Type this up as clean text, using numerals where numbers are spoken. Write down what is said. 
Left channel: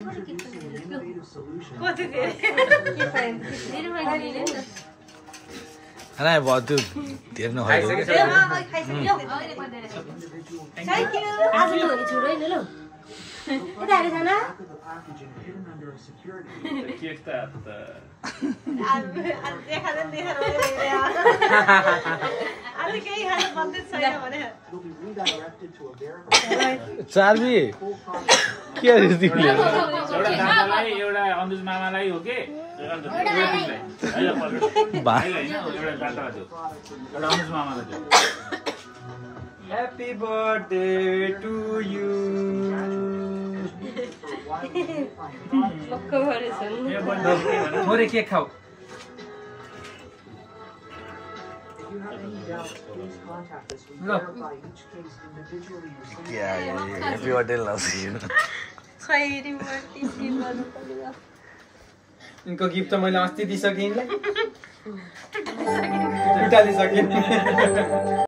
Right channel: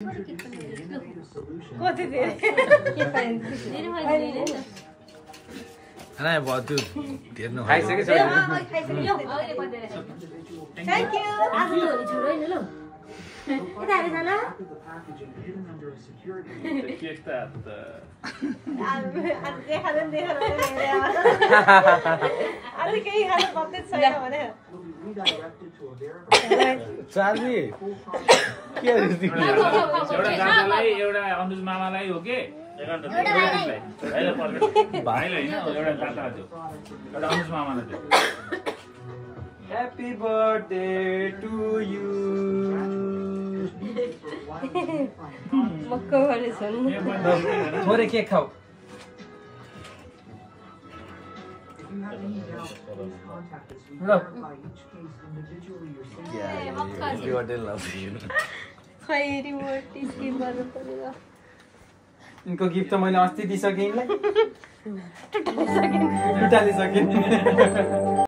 अरे बहुत देर न थ्याङ्क यू आज त नि छोडै न ल यता हेरे जाना केक त आज देखादैन आज केही खान बन्दै छैन भने चार्बी के रे तिमीले एउटा दादालाई एउटा अनुज मामालाई हो के भाइलाई हैन एउटा दादालाई दियो एउटा अनुज मामालाई दियो Happy birthday to you. मक्का भरेछन् थोरै केक खाऊ ल क्या हैप्पी बर्थडे लाउँछु खैरी बर्थडे गिफ्ट गर्नु पर्यो इनको गिफ्ट त मैले अस्ति दिइसकेँ इनलाई उठालिसकेँ